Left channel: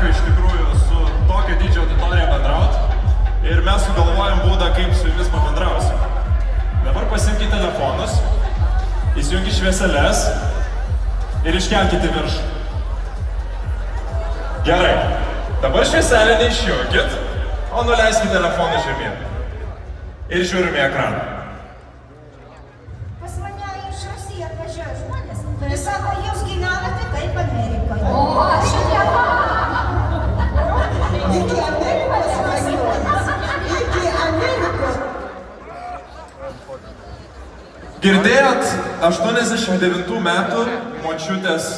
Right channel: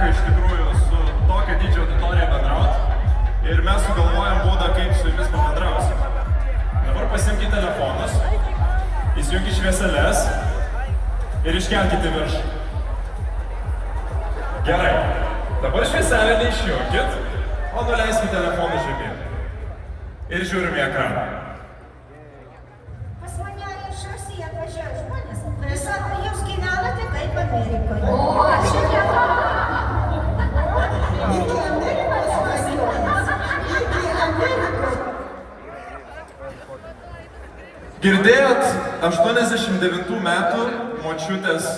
teko iš tikrųjų su tokia didžio auditorija bendrauti ir mes sugalvojom būdą, kaip su jumis pabendrausim. Dabar pasiimkite telefonus, įsijungkite švieseles ir iškelkite į viršų. Gerai, dabar švieselę neišjungkit, o nuleiskite telefoną žemyn. Ir žiūrime į ekraną. Pas mane iš Rusijos atvažiuoja žmonės. Jis sako, jūs gyvenate kaip Amerikoje. O, šitą. Iki Amerikos važiuojas. Iki Amerikos. Girdėjot 89 metų močiutės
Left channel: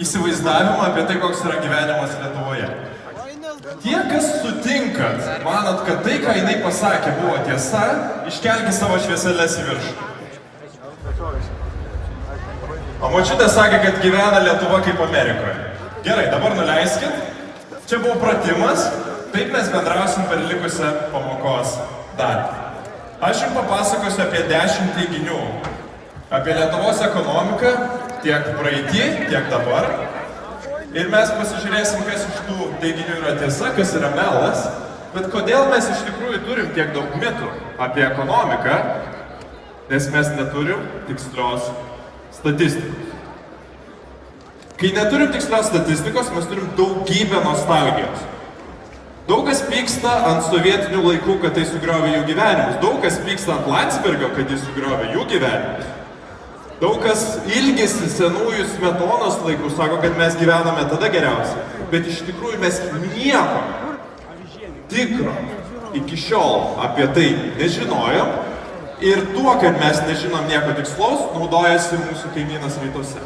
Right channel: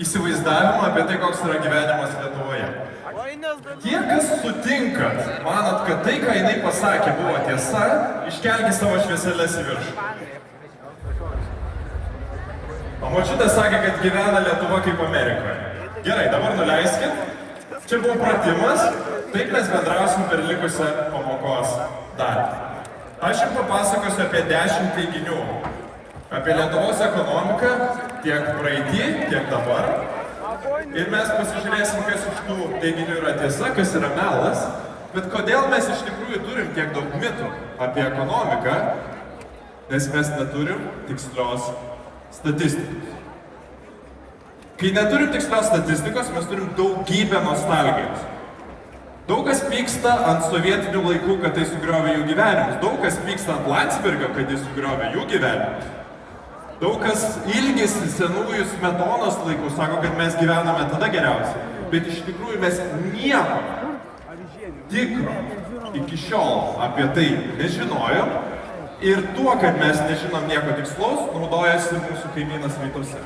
įsivaizdavimą apie tai, koks yra gyvenimas Lietuvoje. Tie, kas sutinkat, manot, kad tai, ką jinai pasakė, buvo tiesa, iškelkite savo švieselės į viršų. O močiutė sakė, kad gyvena Lietuva kaip Amerikoje. Gerai, dabar nuleiskit. Čia buvo pratimas, taip mes bendrausim per likusią pamokos dalį. Aš jums papasakosiu apie 10 teiginių. Apie Lietuvos ekonomiką, tiek praeitį, tiek dabar. Ir mes pasižiūrėsim, kas iš tų teiginių yra tiesa, kas yra melas. Bet kodėl mes iš tikrųjų turim tiek daug mitų apie ekonomiką, nes mes neturim tikslios statistikos. Kai neturim tikslios statistikos, mes turim daugybę nostalgijos. Daug kas pyksta ant sovietinių laikų, kad tai sugriovė jų gyvenimus. Daug kas pyksta ant Landsbergio, kad jis sugriovė jų gyvenimus. Daug kas ilgisi senųjų Smetonos laikų, sako, kad mes gyvename tada geriausiai. Bet iš tikrųjų mes nieko tikro iki šiol apie tai nežinojom. Ir tuo, kad mes nežinom nieko tikslaus, naudojasi mūsų kaimynas rytuose.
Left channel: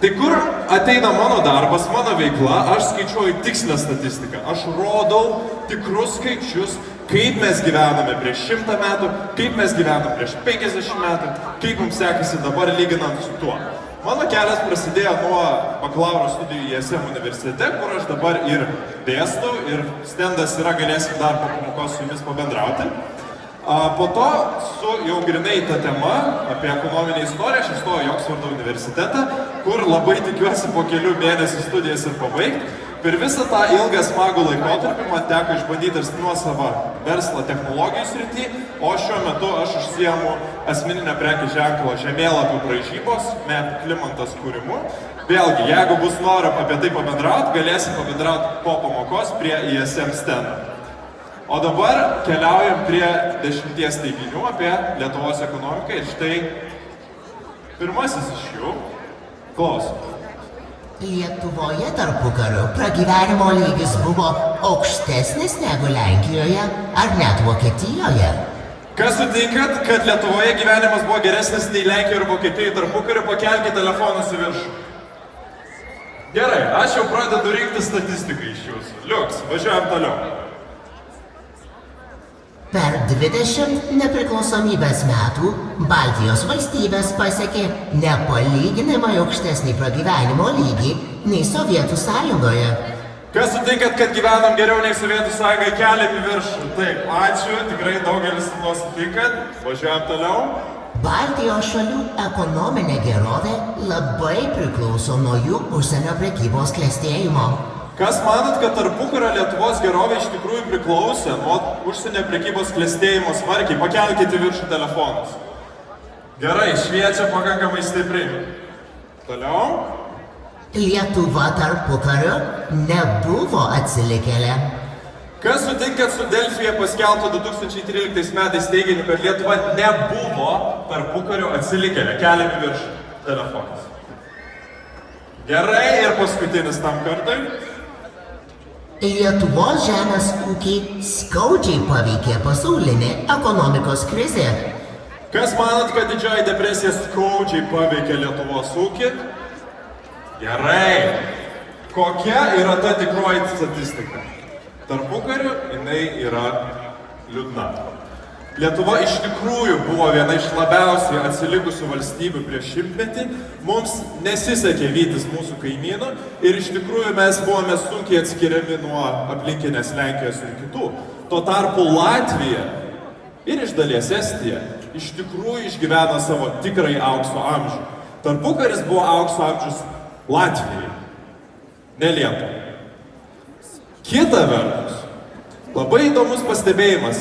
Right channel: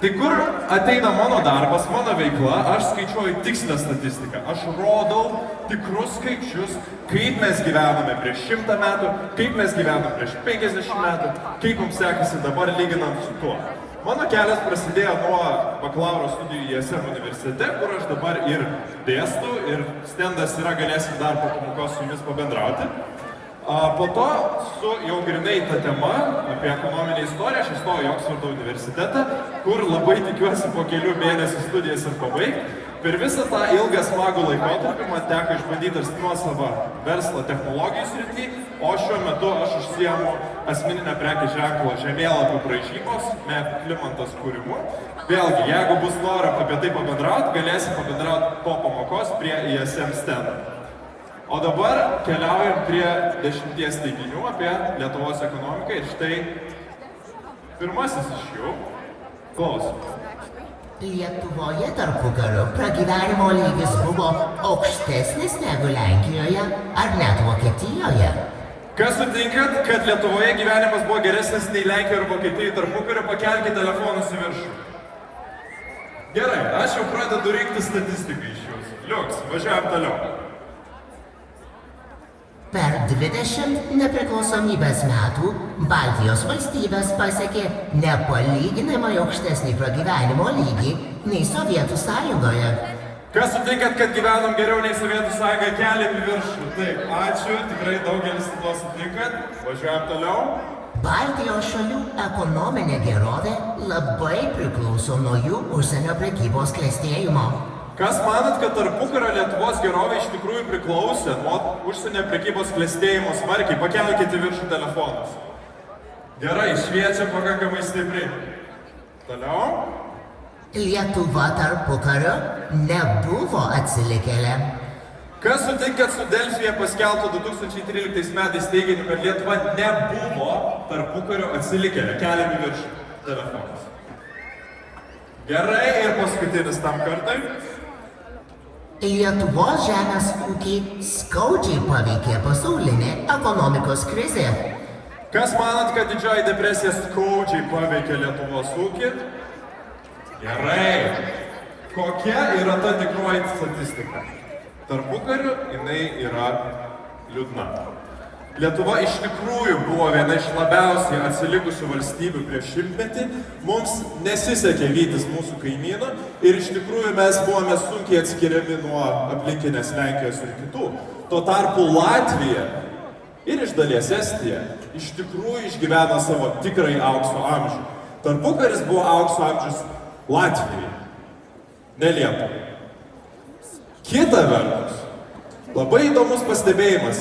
Tai kur ateina mano darbas, mano veikla, aš skaičiuoju tikslę statistiką. Aš rodau tikrus skaičius, kaip mes gyvename prieš 100 metų, kaip mes gyvename prieš 50 metų, kaip mums sekasi dabar lyginant su tuo. Mano kelias prasidėjo nuo bakalauro studijų ISM universitete, kur aš dabar ir dėstau, ir stendas yra, galėsim dar po pamokos su jumis pabendrauti. Po to su jau grinai ta tema apie ekonominę istoriją, aš įstojau į Oksfordo universitetą, kur labai tikiuosi po kelių mėnesių studijas ir pabaigti. Per visą tą ilgą smagų laikotarpį man teko išbandyti ir nuosavą verslą technologijų srity, o šiuo metu aš užsiemu asmeninę prekės ženklo žemėlapių braižybos, MEP Klimantas kūrimu. Vėlgi, jeigu bus noro apie tai pabendrauti, galėsim pabendrauti po pamokos prie ISM stendo. O dabar keliaujam prie 10 teiginių apie Lietuvos ekonomiką ir štai pirmasis iš jų. Klausom. Lietuvoje tarpukariu pragyvenimo lygis buvo aukštesnis negu Lenkijoje ar net Vokietijoje. Kas sutinkat, kad Lietuvoje gyvenimas buvo geresnis nei Lenkijoje ir Vokietijoje tarpukariu, pakelkite telefonus į viršų. Gerai, aš jau pradedu rinkti statistiką iš jūsų. Liuks, važiuojam toliau. Per 20 nepriklausomybės metų Baltijos valstybės pasiekė nepalyginamai aukštesnį pragyvenimo lygį nei Sovietų sąjungoje. Kas sutinkat, kad gyvenam geriau nei Sovietų sąjungoje, keliam į viršų? Taip, ačiū, tikrai daugelis su tuo sutinkat. Važiuojam toliau. Baltijos šalių ekonominė gerovė labai priklauso nuo jų užsienio prekybos klestėjimo. Kas manat, kad tarpukario Lietuvos gerovė iš tikrųjų priklausė nuo užsienio prekybos klestėjimo smarkiai? Pakelkite viršų telefonus. Gerai, šviečia pakankamai stipriai. Toliau. Lietuva tarpukariu nebuvo atsilikėlė. Kas sutinkat su Delfyje paskelbto 2013 metais teiginiu, kad Lietuva nebuvo tarpukariu atsilikėlė? Keliam į viršų telefonus. Gerai, ir paskutinis tam kartui. Lietuvos žemės ūkį skaudžiai paveikė pasaulinė ekonomikos krizė. Kas manat, kad didžioji depresija skaudžiai paveikė Lietuvos ūkį? Gerai. Kokia yra ta tikroji statistika? Tarpukariu jinai yra liūdna. Lietuva iš tikrųjų buvo viena iš labiausiai atsilikusių valstybių prieš 100-metį. Mums nesisekė vytis mūsų kaimynų ir iš tikrųjų mes buvome sunkiai atskiriami nuo aplinkinės Lenkijos ir kitų. Tuo tarpu Latvija ir iš dalies Estija iš tikrųjų išgyveno savo tikrai aukso amžių. Tarpukaris buvo aukso amžius Latvijai, ne Lietuvai. Kita vertus, labai įdomus pastebėjimas.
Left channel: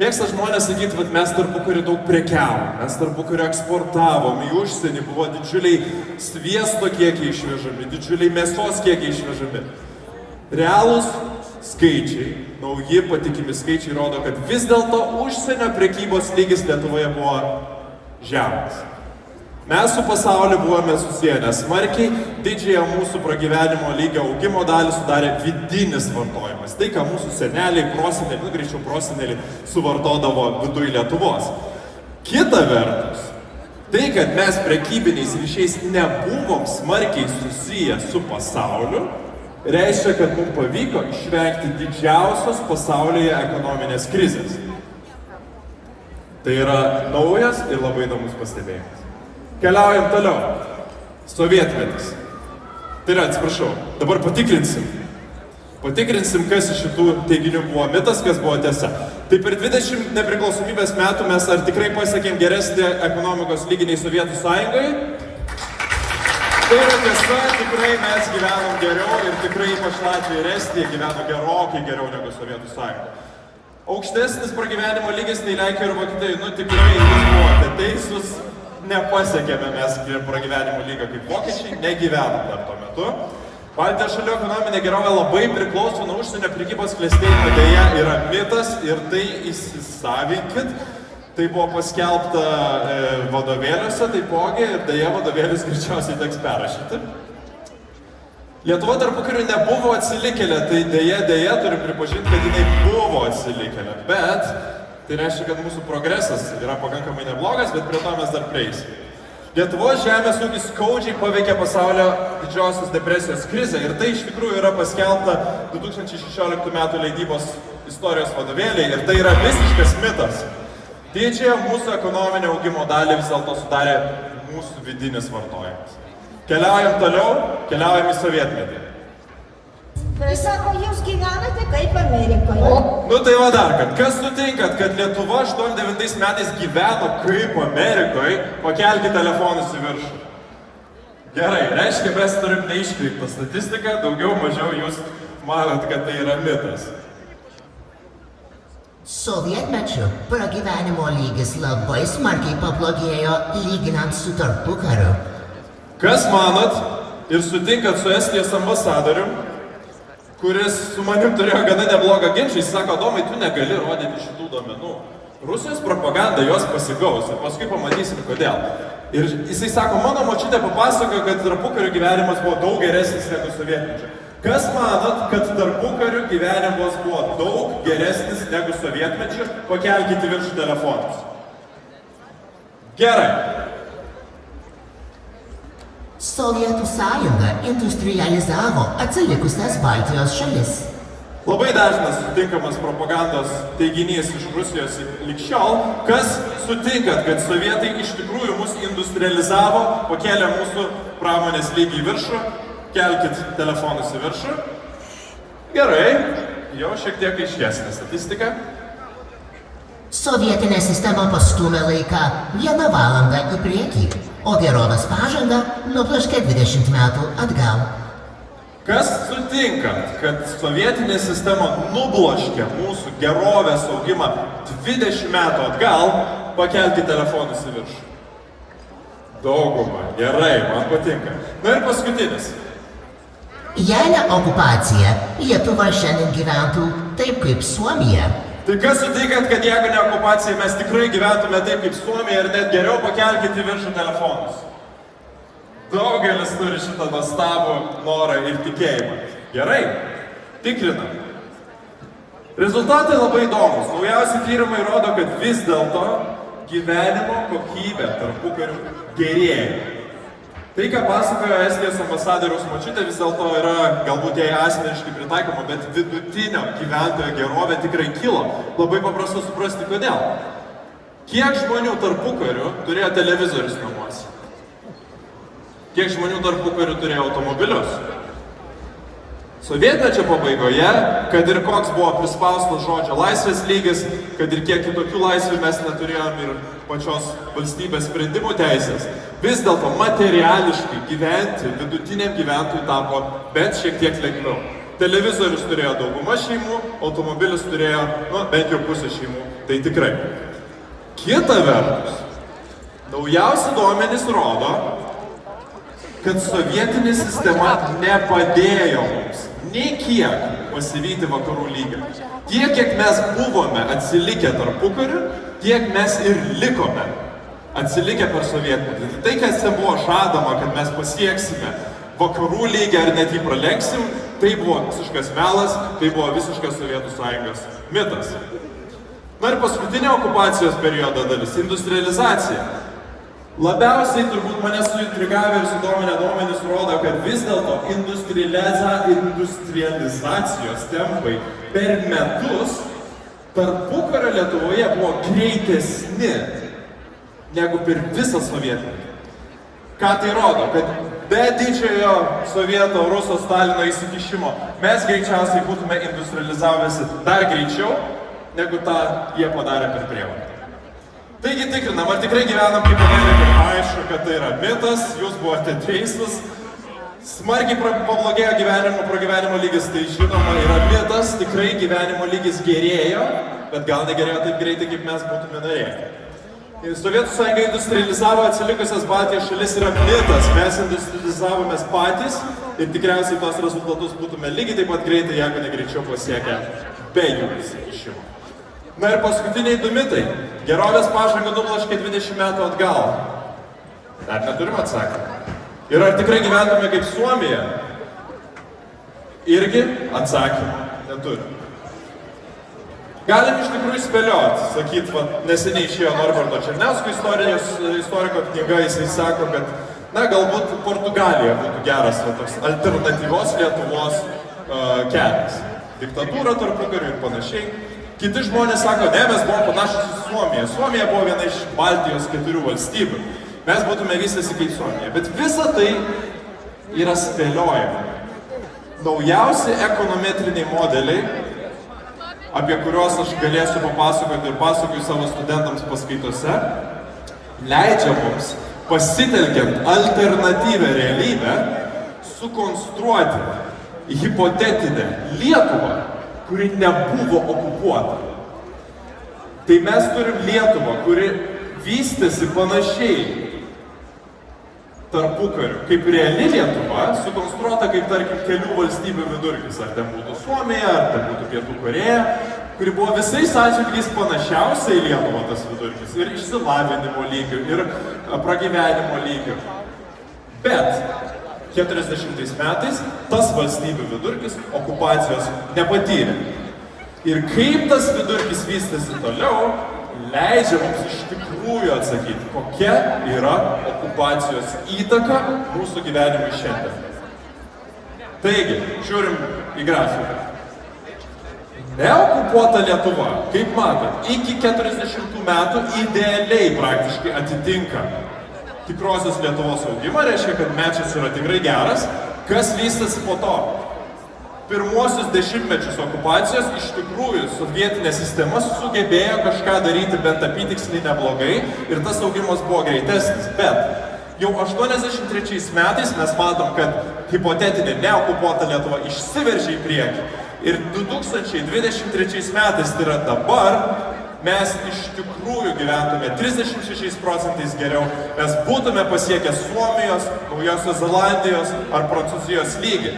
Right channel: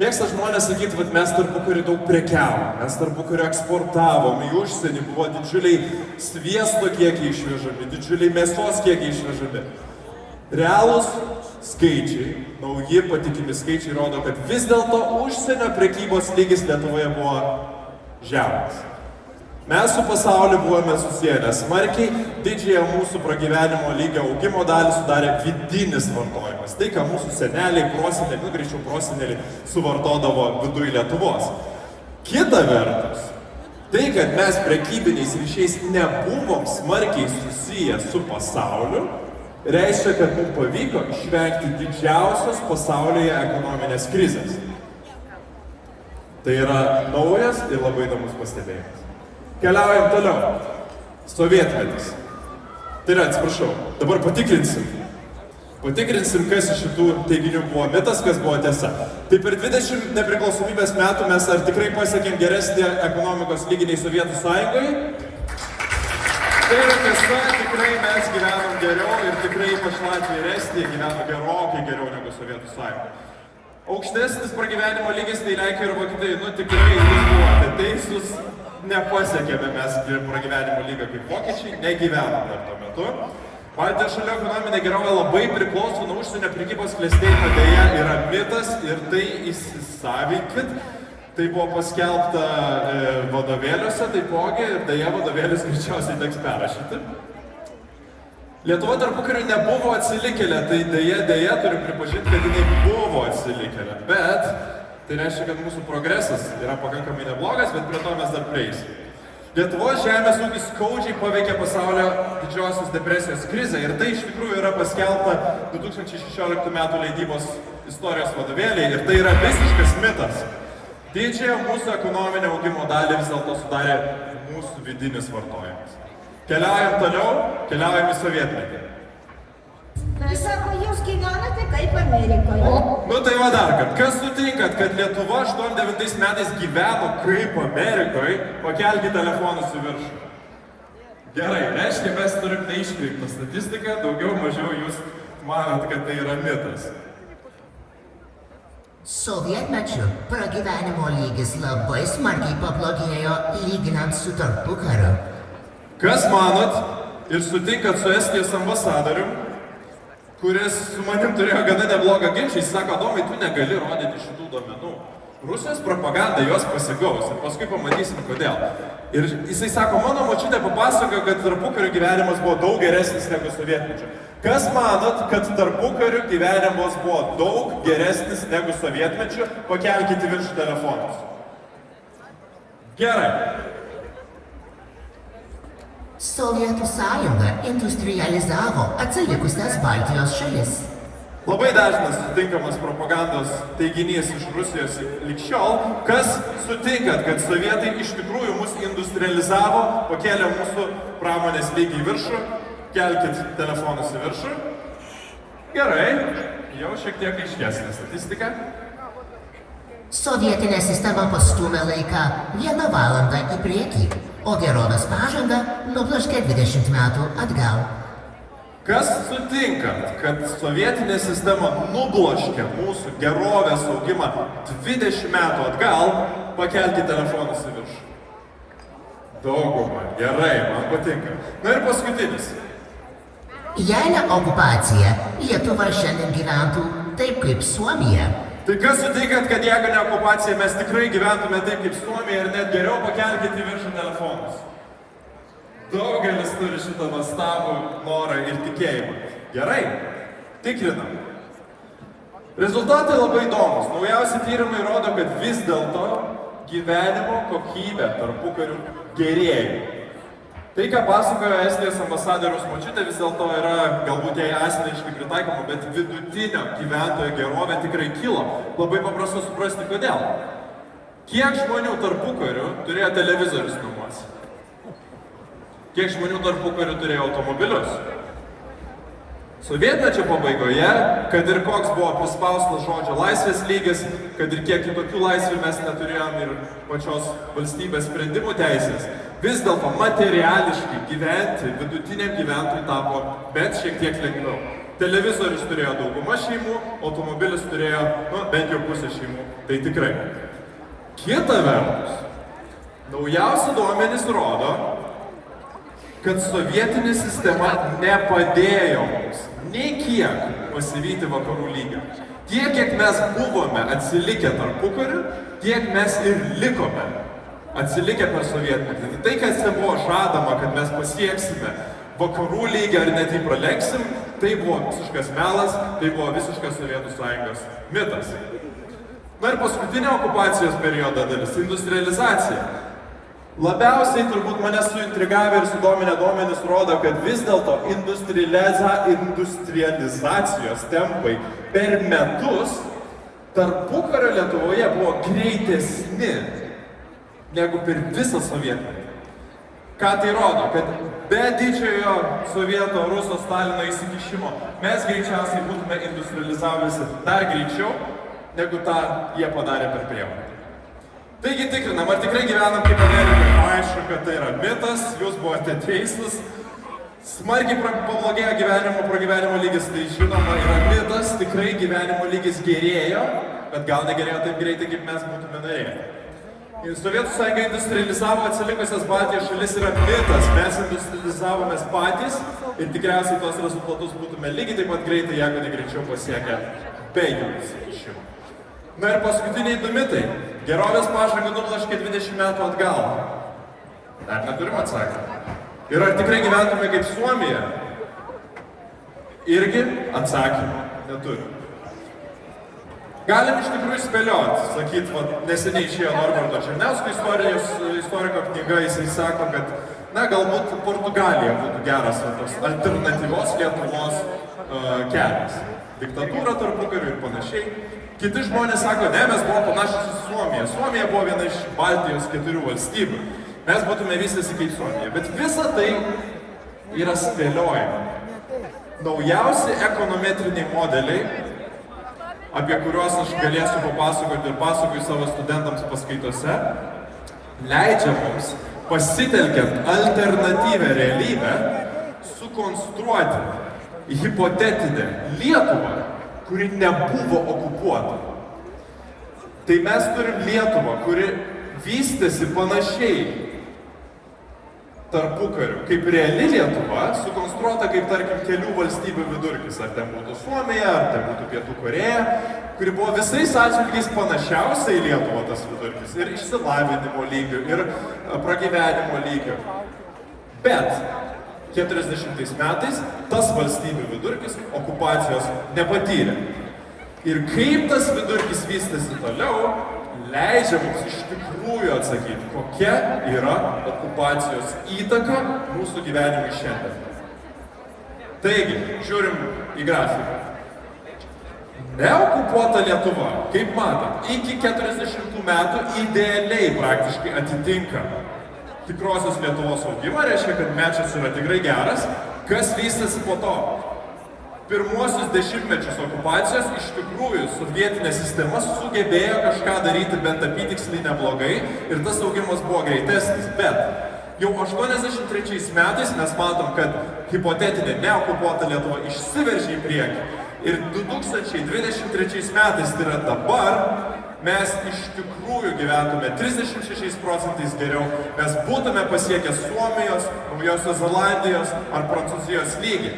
Mėgsta žmonės sakyti, kad mes tarpukariu daug prekiavom, mes tarpukariu eksportavom, į užsienį buvo didžiuliai sviesto kiekiai išvežami, didžiuliai mėsos kiekiai išvežami. Realūs skaičiai, nauji patikimi skaičiai rodo, kad vis dėlto užsienio prekybos lygis Lietuvoje buvo žemas. Mes su pasauliu buvome susiję, nes smarkiai didžiąją mūsų pragyvenimo lygio augimo dalį sudarė vidinis vartojimas. Tai, ką mūsų seneliai, proseneliai, greičiau proseneliai suvartodavo viduj Lietuvos. Kita vertus, tai, kad mes prekybiniais ryšiais nebuvom smarkiai susiję su pasauliu, reiškia, kad mums pavyko išvengti didžiausios pasaulyje ekonominės krizės. Tai yra naujas ir labai įdomus pastebėjimas. Keliaujam toliau. Sovietmetis. Tai yra, atsiprašau, dabar patikrinsim. Patikrinsim, kas iš šitų teiginių buvo mitas, kas buvo tiesa. Tai per 20 nepriklausomybės metų mes ar tikrai pasiekėm geresnį ekonomikos lygį nei Sovietų Sąjungoje? Tai yra tiesa, tikrai mes gyvenom geriau ir tikrai ypač Latvija ir Estija gyveno gerokai geriau negu Sovietų Sąjunga. Aukštesnis pragyvenimo lygis nei Lenkija ir Vokietija, tikrai jūs buvote teisūs. Nepasiekėme mes pragyvenimo lygio kaip vokiečiai, negyvenom dar tuo metu. Baltijos šalių ekonominė gerovė labai priklauso nuo užsienio prekybos klestėjimo, dėja yra mitas ir tai įsisavinkit. Tai buvo paskelbta vadovėliuose taipogi ir dėja vadovėlius greičiausiai teks perrašyti. Lietuva tarpukariu nebuvo atsilikėlė, tai dėja turiu pripažinti, kad jinai buvo atsilikėlė, bet tai reiškia, kad mūsų progresas yra pakankamai neblogas, bet prie to mes dar prieisim. Lietuvos žemės ūkis skaudžiai paveikė pasaulio didžiosios depresijos krizę ir tai iš tikrųjų yra paskelbta 2016 metų leidybos istorijos vadovėliai ir tai yra visiškas mitas. Didžiąją mūsų ekonominio augimo dalį vis dėlto sudarė mūsų vidinis vartojimas. Keliaujam toliau, keliaujam į sovietmetį. Tai sako, jūs gyvenate kaip Amerikoje. Nu tai va dar, kas sutinkat, kad Lietuva 89 metais gyveno kaip Amerikoje, pakelkite telefonus į viršų. Gerai, reiškia, mes turim neiškreiptą statistiką, daugiau mažiau jūs manot, kad tai yra mitas. Sovietmečiu pragyvenimo lygis labai smarkiai pablogėjo lyginant su tarpukariu. Kas manot ir sutinkat su Estijos ambasadorium, kuris su manim turėjo gana neblogą ginčą, jis sako, Domai, tu negali rodyti šitų duomenų. Rusijos propaganda jos pasigaus ir paskui pamatysim kodėl. Ir jisai sako, mano močiutė papasakojo, kad tarpukariu gyvenimas buvo daug geresnis negu sovietmečio. Kas manot, kad tarpukariu gyvenimas buvo daug geresnis negu sovietmečio? Pakelkite viršų telefonus. Gerai. Sovietų sąjunga industrializavo atsilikusias Baltijos šalis. Labai dažnas sutinkamas propagandos teiginys iš Rusijos lig šiol, kas sutinkat, kad sovietai iš tikrųjų mus industrializavo, pakėlė mūsų pramonės lygį į viršų, kelkit telefonus į viršų. Gerai, jau šiek tiek aiškesnė statistika. Sovietinė sistema pastūmė laiką 1 valandą į priekį, o gerovės pažanga nubloškė 20 metų atgal. Kas sutinkat, kad sovietinė sistema nubloškė mūsų gerovės augimą 20 metų atgal, pakelti telefonus į viršų? Dauguma, gerai, man patinka. Na ir paskutinis. Jei ne okupacija, Lietuva šiandien gyventų taip kaip Suomija. Tai kas sutinkat, kad jeigu ne okupacija, mes tikrai gyventume taip kaip Suomija ir net geriau pakelkite į viršų telefonus? Daugelis turi šitą nuostabų norą ir tikėjimą. Gerai, tikrinam. Rezultatai labai įdomus. Naujausi tyrimai rodo, kad vis dėlto gyvenimo kokybė tarpukariu gerėja. Tai, ką pasakojo Estijos ambasadoriaus močiutė, vis dėlto yra galbūt jai asmeniškai pritaikoma, bet vidutinio gyventojo gerovė tikrai kilo. Labai paprasta suprasti, kodėl. Kiek žmonių tarpukariu turėjo televizorius namuose? Kiek žmonių tarpukariu turėjo automobilius? Sovietmečio pabaigoje, kad ir koks buvo prispaustas žodžio laisvės lygis, kad ir kiek kitokių laisvių mes neturėjom ir pačios valstybės sprendimų teisės, vis dėlto materiališkai gyventi vidutiniam gyventojui tapo bent šiek tiek lengviau. Televizorius turėjo dauguma šeimų, automobilis turėjo, bent jau pusė šeimų. Tai tikrai. Kita vertus, naujausi duomenys rodo, kad sovietinė sistema nepadėjo mums nei kiek pasivyti vakarų lygą. Tiek, kiek mes buvome atsilikę tarpukariu, tiek mes ir likome atsilikę per sovietmetį. Tai, kas ten buvo žadama, kad mes pasieksime vakarų lygį ar net jį pralenksim, tai buvo visiškas melas, tai buvo visiškas Sovietų Sąjungos mitas. Na ir paskutinė okupacijos periodo dalis – industrializacija. Labiausiai turbūt mane suintrigavę ir sudominę duomenys rodo, kad vis dėlto industrializacijos tempai per metus tarpukario Lietuvoje buvo greitesni negu per visą sovietmetį. Ką tai rodo? Kad be didžiojo sovieto, ruso, Stalino įsikišimo mes greičiausiai būtume industrializavęsi dar greičiau, negu tą jie padarė per prievartą. Taigi tikrinam, ar tikrai gyvenam kaip Amerikoje. Aišku, kad tai yra mitas, jūs buvote teisus. Smarkiai pablogėjo pragyvenimo lygis, tai žinoma yra mitas, tikrai gyvenimo lygis gerėjo, bet gal negerėjo taip greitai, kaip mes būtume norėję. Sovietų Sąjunga industrializavo atsilikusias Baltijos šalis yra mitas, mes industrializavomės patys ir tikriausiai tos rezultatus būtume lygiai taip pat greitai, jeigu negreičiau pasiekę be jų įsikišimo. Na ir paskutiniai du mitai. Gerovės pažanga nubloškė 20 metų atgal. Dar neturim atsakymą. Ir ar tikrai gyvename kaip Suomija? Irgi atsakymą neturim. Galim iš tikrųjų spėlioti, sakyt, neseniai išėjo Norberto Černiausko istoriko knyga, jisai sako, kad, galbūt Portugalija būtų geras toks alternatyvios Lietuvos kelias. Diktatūra tarpukariu ir panašiai. Kiti žmonės sako, ne, mes buvom panašus į Suomiją. Suomija buvo viena iš Baltijos 4 valstybių. Mes būtume vystėsi kaip Suomija. Bet visa tai yra spėliojama. Naujausi ekonometriniai modeliai, apie kuriuos aš galėsiu papasakoti ir pasakoju savo studentams paskaitose, leidžia mums, pasitelkiant alternatyvę realybę, sukonstruoti hipotetinę Lietuvą, kuri nebuvo okupuota. Tai mes turim Lietuvą, kuri vystėsi panašiai tarpukariu, kaip reali Lietuva, sukonstruota kaip, tarkim, kelių valstybių vidurkis, ar ten būtų Suomija, ar ten būtų Pietų Korėja, kuri buvo visais atžvilgiais panašiausia į Lietuvą tas vidurkis, ir išsilavinimo lygių, ir pragyvenimo lygių. Bet 40 metais tas valstybių vidurkis okupacijos nepatyrė. Ir kaip tas vidurkis vystėsi toliau, leidžia mums iš tikrųjų atsakyti, kokia yra okupacijos įtaka mūsų gyvenimui šiandien. Taigi, žiūrim į grafiką. Neokupuota Lietuva, kaip matot, iki 40 metų idealiai praktiškai atitinka tikrosios Lietuvos augimą, reiškia, kad mečas yra tikrai geras. Kas vystėsi po to? Pirmuosius dešimtmečius okupacijos iš tikrųjų sovietinė sistema sugebėjo kažką daryti bent apytiksliai neblogai ir tas augimas buvo greitesnis. Bet jau 83 metais mes matom, kad hipotetinė neokupuota Lietuva išsiveržė į priekį. Ir 2023 metais, tai yra dabar, mes iš tikrųjų gyventume 36% geriau, mes būtume pasiekę Suomijos, Naujosios Zelandijos ar Prancūzijos lygį.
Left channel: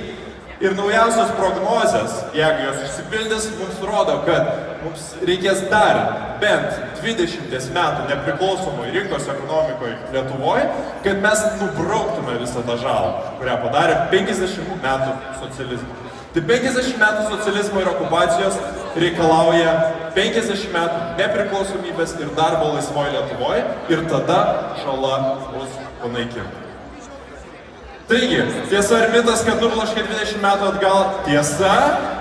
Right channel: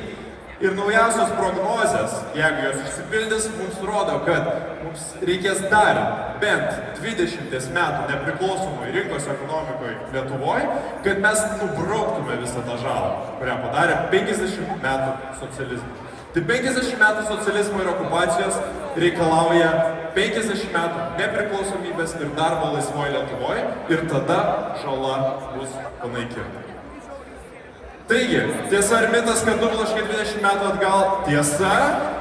Ir naujausios prognozės, jeigu jos išsipildys, mums rodo, kad mums reikės dar bent 20 metų nepriklausomoj rinkos ekonomikoje Lietuvoje, kad mes nubrauktume visą tą žalą, kurią padarė 50 metų socializmas. Tai 50 metų socializmo ir okupacijos reikalauja 50 metų nepriklausomybės ir darbo laisvoje Lietuvoje ir tada žala bus panaikinta. Taigi, tiesa ar mitas, kad nubloškė 20 metų atgal? Tiesa.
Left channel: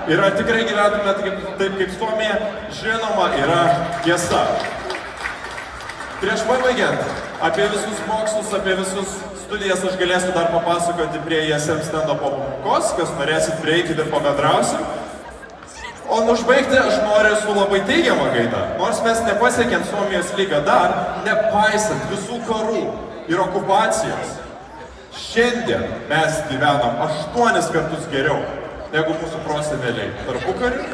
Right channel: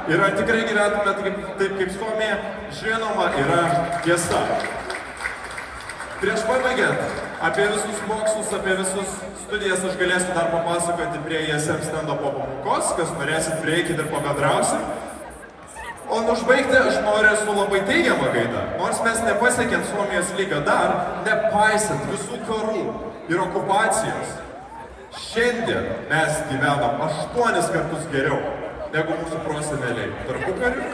Ir ar tikrai gyventume taip kaip Suomija? Žinoma, yra tiesa. Prieš pabaigiant, apie visus mokslus, apie visus studijas aš galėsiu dar papasakoti prie ISM stendo po pamokos, kas norėsit prieikit ir pabendrausim. O užbaigti aš noriu su labai teigiama gaida. Nors mes nepasiekėm Suomijos lygio dar, nepaisant visų karų ir okupacijos. Šiandien mes gyvenam 8 kartus geriau negu mūsų proseneliai tarpukariu,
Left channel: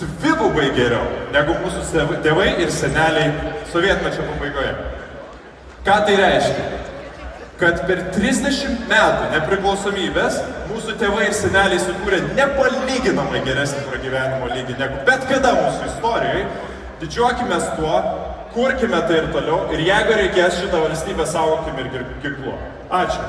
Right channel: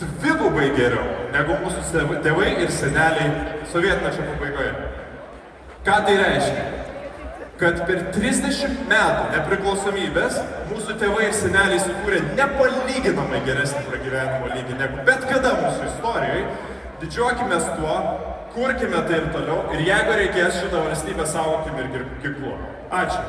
dvigubai geriau negu mūsų tėvai ir seneliai sovietmečio pabaigoje. Ką tai reiškia? Kad per 30 metų nepriklausomybės mūsų tėvai ir seneliai sukūrė nepalyginamai geresnį pragyvenimo lygį negu bet kada mūsų istorijoje. Didžiuokime tuo, kurkime tai ir toliau ir jeigu reikės šitą valstybę saugokim ir ginkluo. Ačiū.